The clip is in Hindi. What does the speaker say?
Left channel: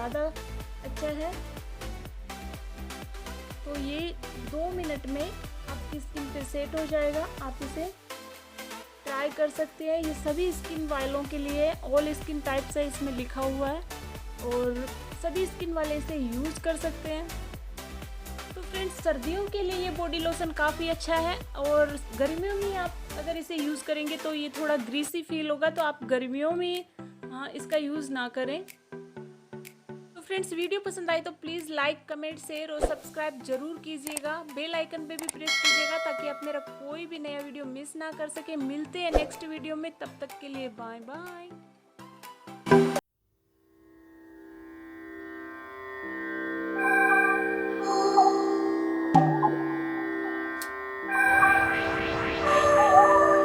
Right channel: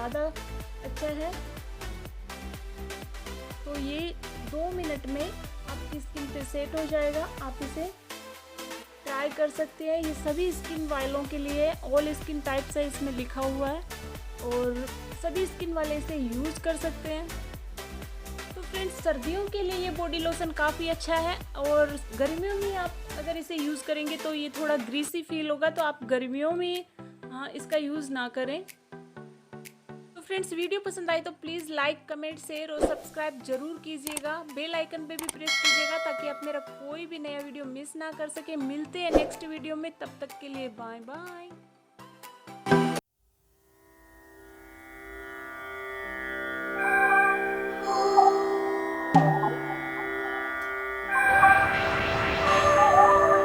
ज़्यादा अच्छा है। तो ये 2 मिनट में आपकी स्किन पे सेट हो जाएगा। आप इसे ट्राई कर सकते हैं। ये सभी स्किन वालों के लिए, ऑल स्किन टाइप्स है इसमें लिखा हुआ है, और सभी स्किन वाले इसे यूज़ कर सकते हैं। तो फ्रेंड्स, सर्दियों के लिए ये बॉडी लोशन काफ़ी अच्छा है, और गर्मियों में आप अगर इसे यूज़ करेंगे तो ये थोड़ा ग्रीसी फील होगा, तो आप गर्मियों में इसका यूज़ ना करें। तो फ्रेंड्स, वीडियो पसंद आए तो प्लीज़ लाइक, कमेंट, शेयर और सब्सक्राइब जरूर कीजिएगा। बेल आइकन पे भी प्रेस कीजिएगा ताकि आप मेरा कोई भी नया वीडियो मिस ना कर सके। मिलते हैं नेक्स्ट वीडियो में, तब तक के लिए बाय बाय।